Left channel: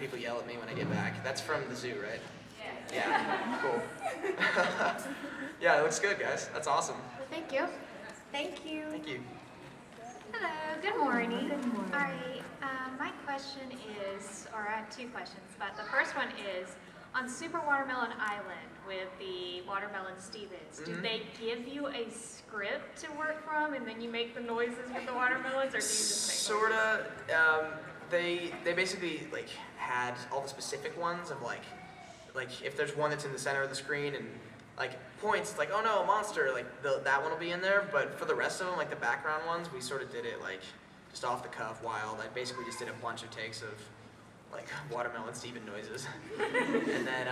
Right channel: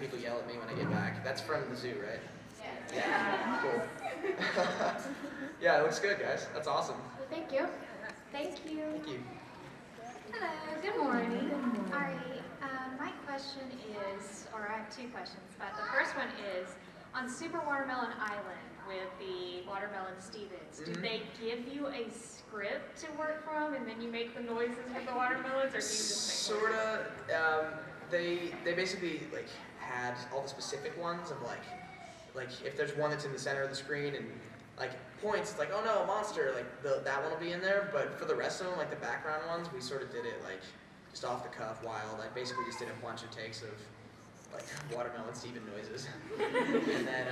People yell at me when I get back. That's from the zoo, right? Yeah. Cool. Yeah, it looks good, guys. That's awesome. Well, thank you. Thank you. Thank you. Hello, good morning. All right, my question is, or I have two questions, but the first one is, on Super Watermelon Island with the Watermelon Stevens, do they give you a script to work from and then you make the noises with the watermelons, or do you just make Sorta. They basically like had all the specific ones of like if there's one that's in the center of the screen and like points, it's like, oh no, a monster, like that one will be in there. But for the rest of them, like the background ones, we sort of did it like just off the cuff, wild. I basically just did a bunch of takes of like Watermelon Steven noises, and then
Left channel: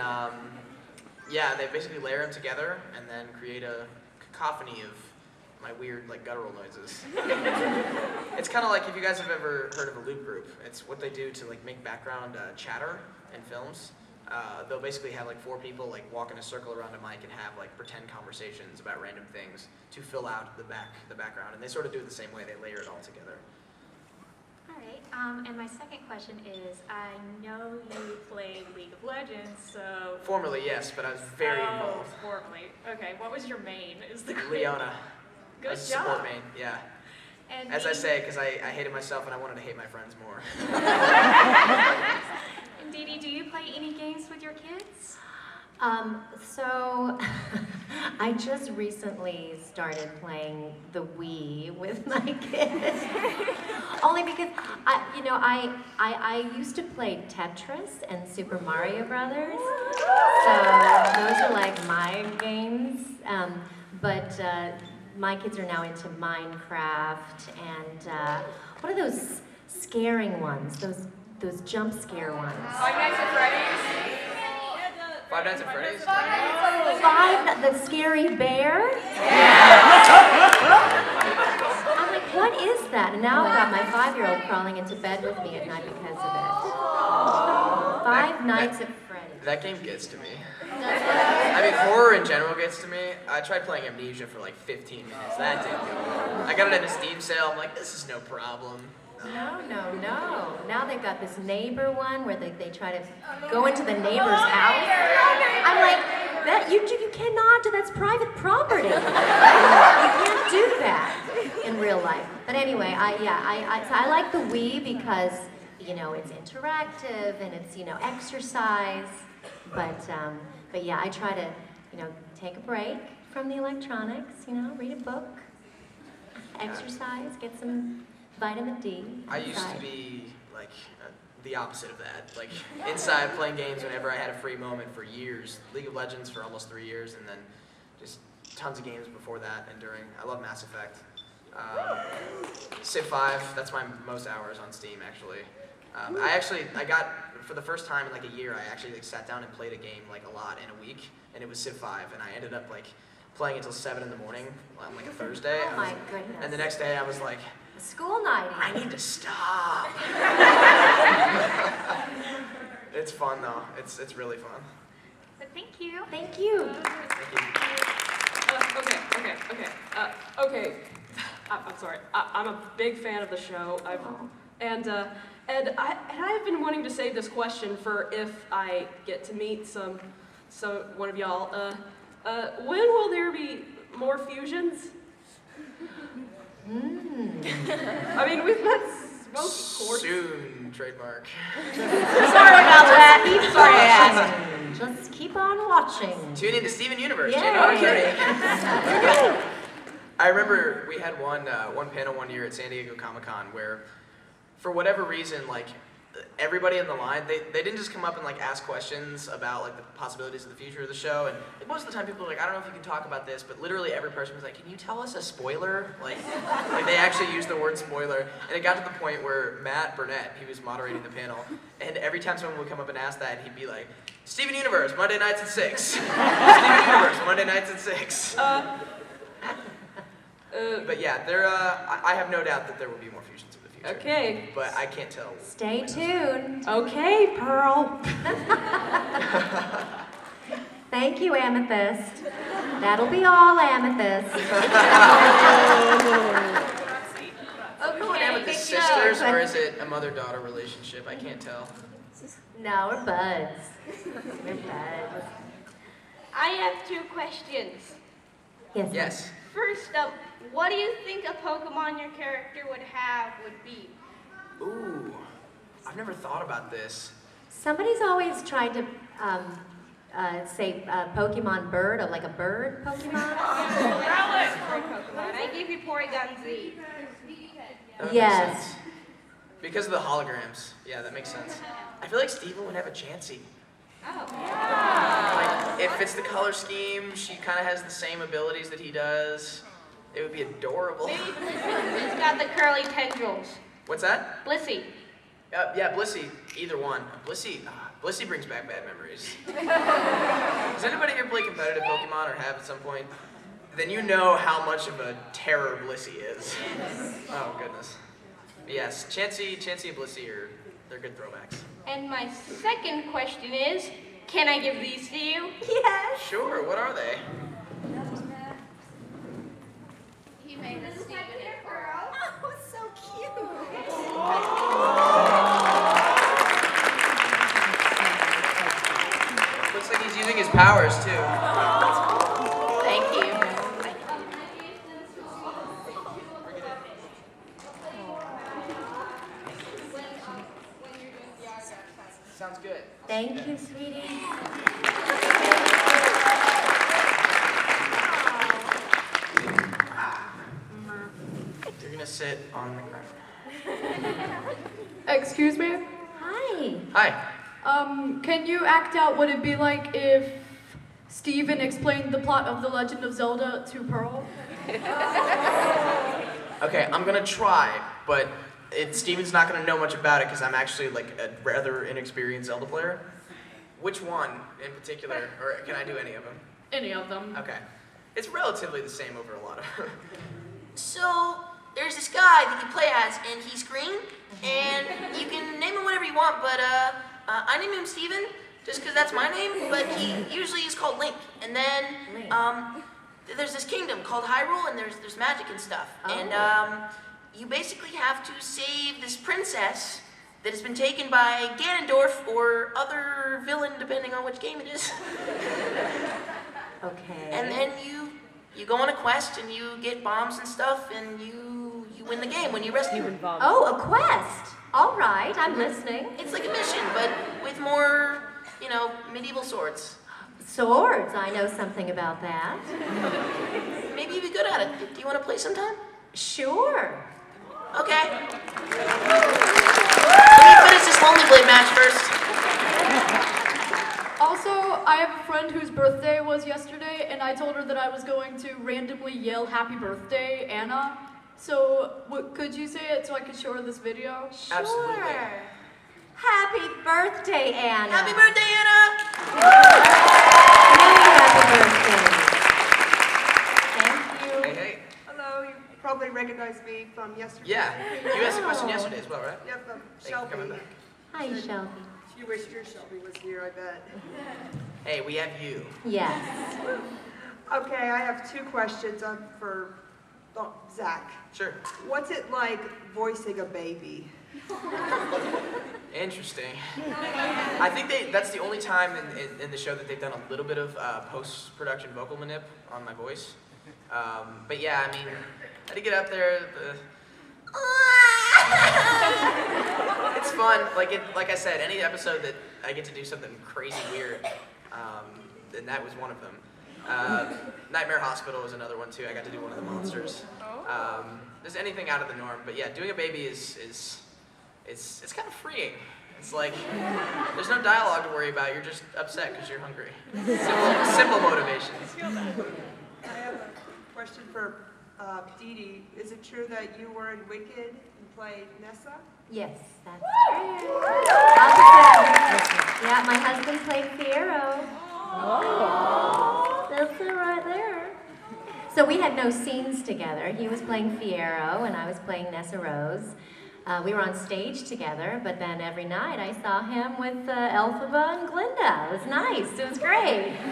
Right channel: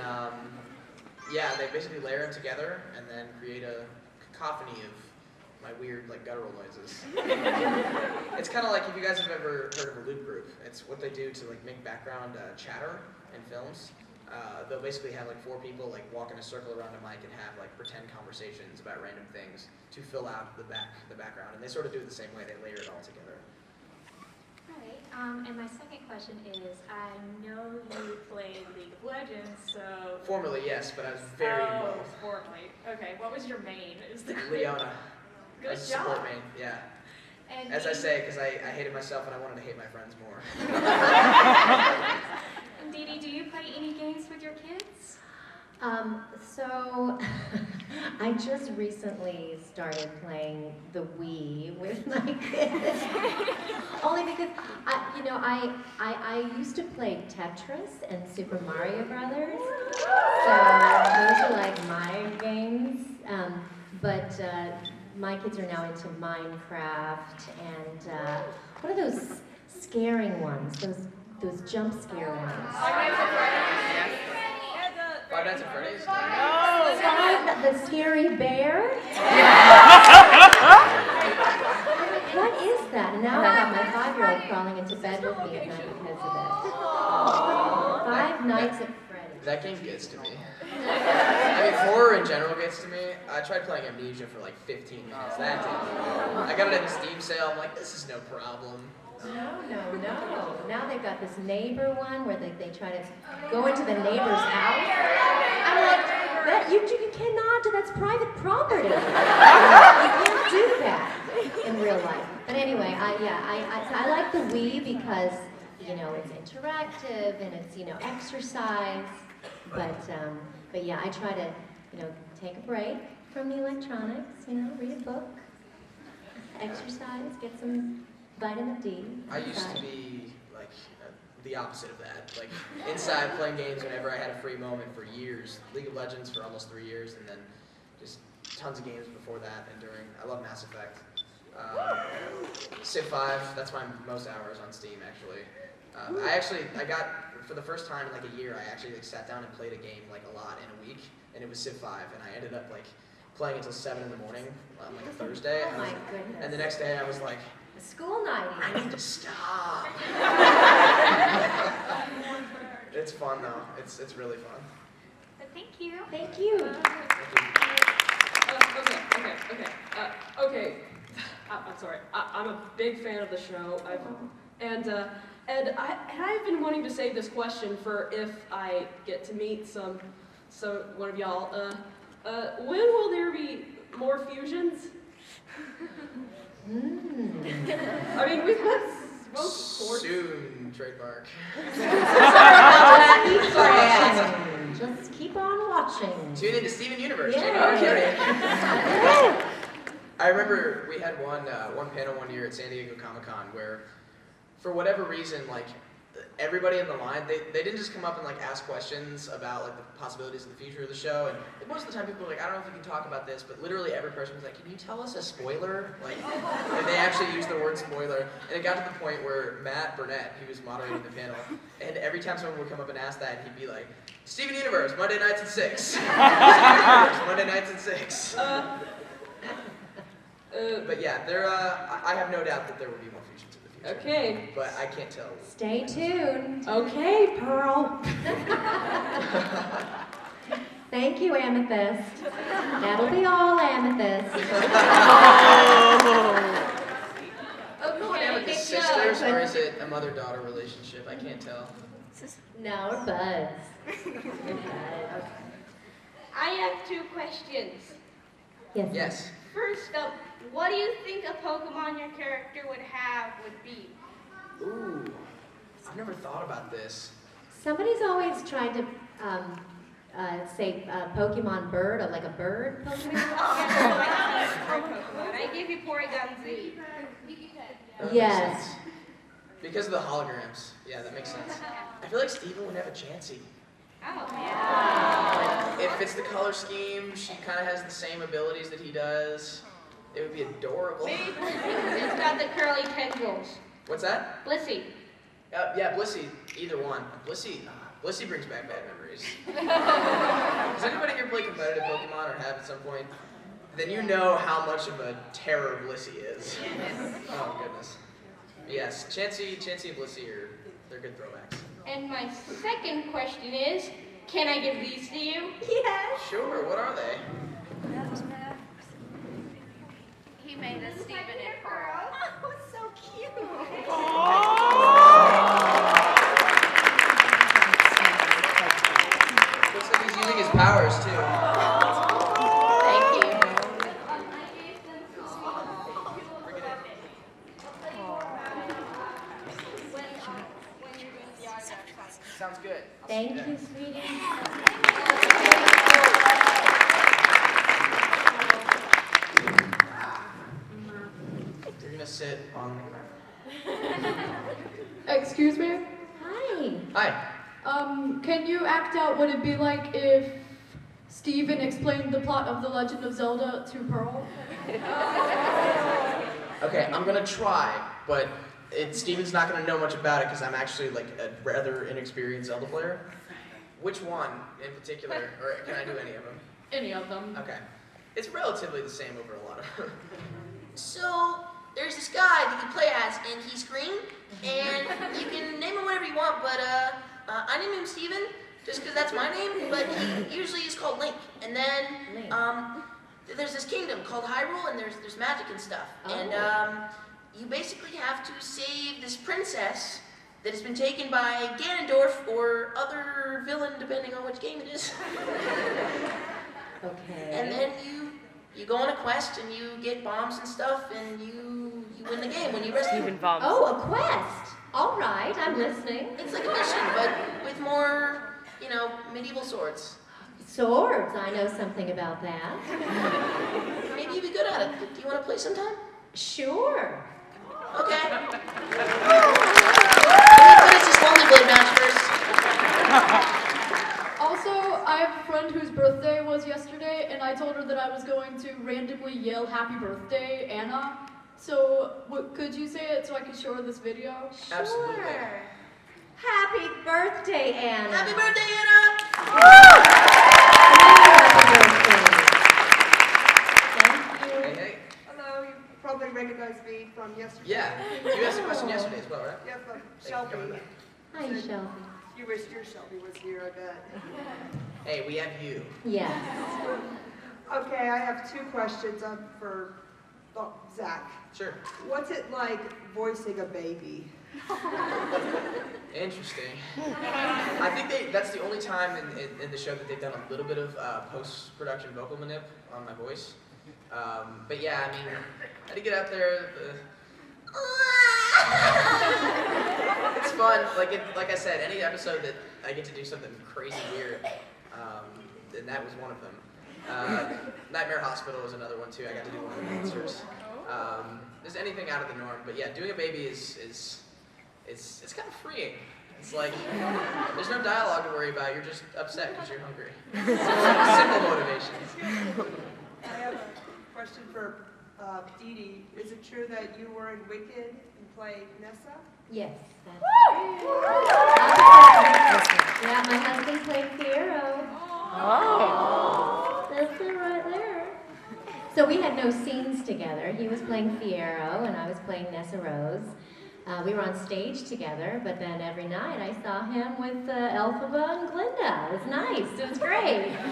yeah, they basically layer them together and then create a cacophony of my weird like guttural noises. It's kind of like if you guys have ever heard of a loop group. It's what they do to like make background chatter in films. They'll basically have like 4 people like walk in a circle around a mic and have like pretend conversations about random things to fill out the background, and they sort of do it the same way. They layer it all together. All right, and my second question is, I know you played League of Legends, so... Formerly, yes, but I was very involved. Formerly. Okay, what was your main? Is the Leona. Good as a job. support main, yeah. And As I say, because I hated myself and I wanted to hate my friends more. And Dee Dee, do you play any games with your kids? So I just recently started playing the Wii with my kids. Only because I used to play Tetris and Super Mario Brothers. So those are like my games. But my kids are now into Minecraft and what are those scaring ones? Those jump scare ones. Five Nights at Freddy's? The scary bear? I'm like, what is that? And now I've got my 5-year-old crawling into bed with me at night because of it. Five Nights at Freddy's. That game gets to me. I mean, horror in general gets to me. I tried playing Amnesia for like 15 minutes. That didn't do it. I got it at a Steam sale. I'm like, this is no problem. No. Now they've got this neighbor one where they try to go into the neighbor's house. I'm like, that you cannot do, that's private property. You can't do that in real life. But anyway, I like the Wii because, it's interactive and it's, exercise. But yeah, I try to, take a break from the electronics, read a book, exercise, get some vitamin D. I used to be like the opposite of that. Like inside playing games whenever I had a free moment for years. League of Legends for almost 3 years, and then just tons of games before that and during. I love Mass Effect. Civ 5, that's my most hours on Steam actually. I got, for the first time in like a year, I actually like sat down and played a game like a lot in a week, and it was Civ 5, and I ended up like playing until 7 in the morning on like a Thursday. Oh my goodness. And the next day I was like, school night. I need to stop. It's fun though. It's really fun. So thank you. Thank you. Okay. I'm sorry. I'm a big fan of the show. And I've been wanting to save this question for if I get to meet one of y'all. When will there be more fusions? I mean, we've had smoke sports. Soon, trademark. Sorry about that. Just keep on watching. Tune into Steven Universe. Yeah. I remember we had one panel one year at San Diego Comic-Con where, for whatever reason, like everybody in the line, they didn't just come up and like ask questions about like the possibilities of the future of the show, and like, most of the time people were like, I don't know if you can talk about this, but literally every person was like, can you tell us a spoiler? Like they actually used the word spoiler, and it got to the point where Matt Burnett, he was moderating the panel, and every time someone would come up and ask that, he'd be like, Steven Universe, Monday nights at 6. Steven Universe, Monday nights at 6. But yeah, I have no doubt that there will be more fusions in the future. Okay. But I can't tell. Stay tuned. Okay, Pearl. Thank you, Amethyst. That'll be all, Amethyst. Okay, sisters or is it a mother-daughter relationship? I can't tell. No, we're buds. We're buds. I have 2 questions. Yes. Yes. First up, what do you think a Pokemon your character would have would be? Ooh, I've never thought about this. Somebody's always tried to say Pokemon bird, or like a bird Pokemon. I give you Porygon Z. That would make Yes. sense. Because of the holograms. Yeah, that makes sense. I feel like Steven would have a Chansey. Oh. If it's the color scheme, she kind of has the same abilities that he does. It would be adorable. Maybe it's got the curly tendrils. What's that? Blissey. Yeah, Blissey. Either one. Blissey brings back bad memories. Does anybody here play competitive Pokemon or have at some point? Then you know how much of a terror Blissey is. Oh goodness. Yes, Chansey and Blissey they're good throwbacks. And my second question is, can I give these to you? Yes. Sure. What are they? He made a Steven and Pearl. Oh, so cute. Looks like he's using his powers too. Thank you. Sounds good. Thank you, sweetie. You're gonna sit on. Excuse me? Hi. Hi. Can you act out what it'd be like if Steven explained the plot of The Legend of Zelda to Pearl? Okay, I'm gonna try, but Steven's not gonna know much about it because I'm actually like a rather inexperienced Zelda player. Which one in particular, or can I do any of them? Any of them. Okay, it's relatively the same over a lot of. So there's this guy that you play as, and he's green, and you can name him whatever you want, but I named him Steven, just because that's my name, but he usually is called Link. And then there's this kingdom called Hyrule, and there's magic and stuff. And you basically have to save this princess that has been taken by Ganondorf or other villain, depending on which game it is. Okay. And then you go on a quest and you get bombs and stuff and you win the game when you rescue him. Oh, a quest. All right, I'm listening. It's like a mission, but with more, medieval swords. Swords. I know something about that. Maybe you'd be good at it. Do you want to play sometime? Sure. Okay. Let me finish this Lonely Blade match first. Also, I have a friend whose birthday was yesterday, and I told her that I was going to randomly yell "Happy Birthday, Anna." So, could you say it so I could show her this video? Absolutely. Sure. Happy birthday, Anna. Happy birthday, Anna! Thank you. Hey. Hello, you probably recognize me from yesterday. Yeah, you asked a question yesterday as well, right? Yep, Thank you for Shelby. coming back. Hi, Shelby. You wish your Shelby was here, I bet. Hey, we have you. Yes. Okay, I have 2 questions for Zach. Sure. What's it like voicing a baby? Interesting. I think that's the only time in the show that they've done a little bit of post-production vocal manip on my voice. But yeah, I mean, I had to get out there. It's fun. Like I said, any episode that I get to do something crazy weird, then that was one of them. Nightmare Hospital was another one too. I got to do one of the monsters. Just anything out of the norm. But yeah, doing a baby is it's kind of freeing. It's like there's no dialogue to worry about. You're just upset because you're hungry. Simple motivation. I have a question for Dee Dee. Is it true that you were in Wicked and played Nessa? Yes, that's true. Yeah, my husband played Fiero. Oh. That's it right there. So we had no scenes together. He was playing Fiero and I was playing Nessa Rose. We were on stage together, but then every night I saw him with Elphaba and Glinda. It was nice. It was great. It was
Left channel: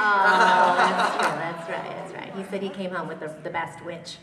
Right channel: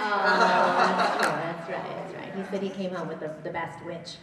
awesome. That's right. That's right. He said he came home with the best witch.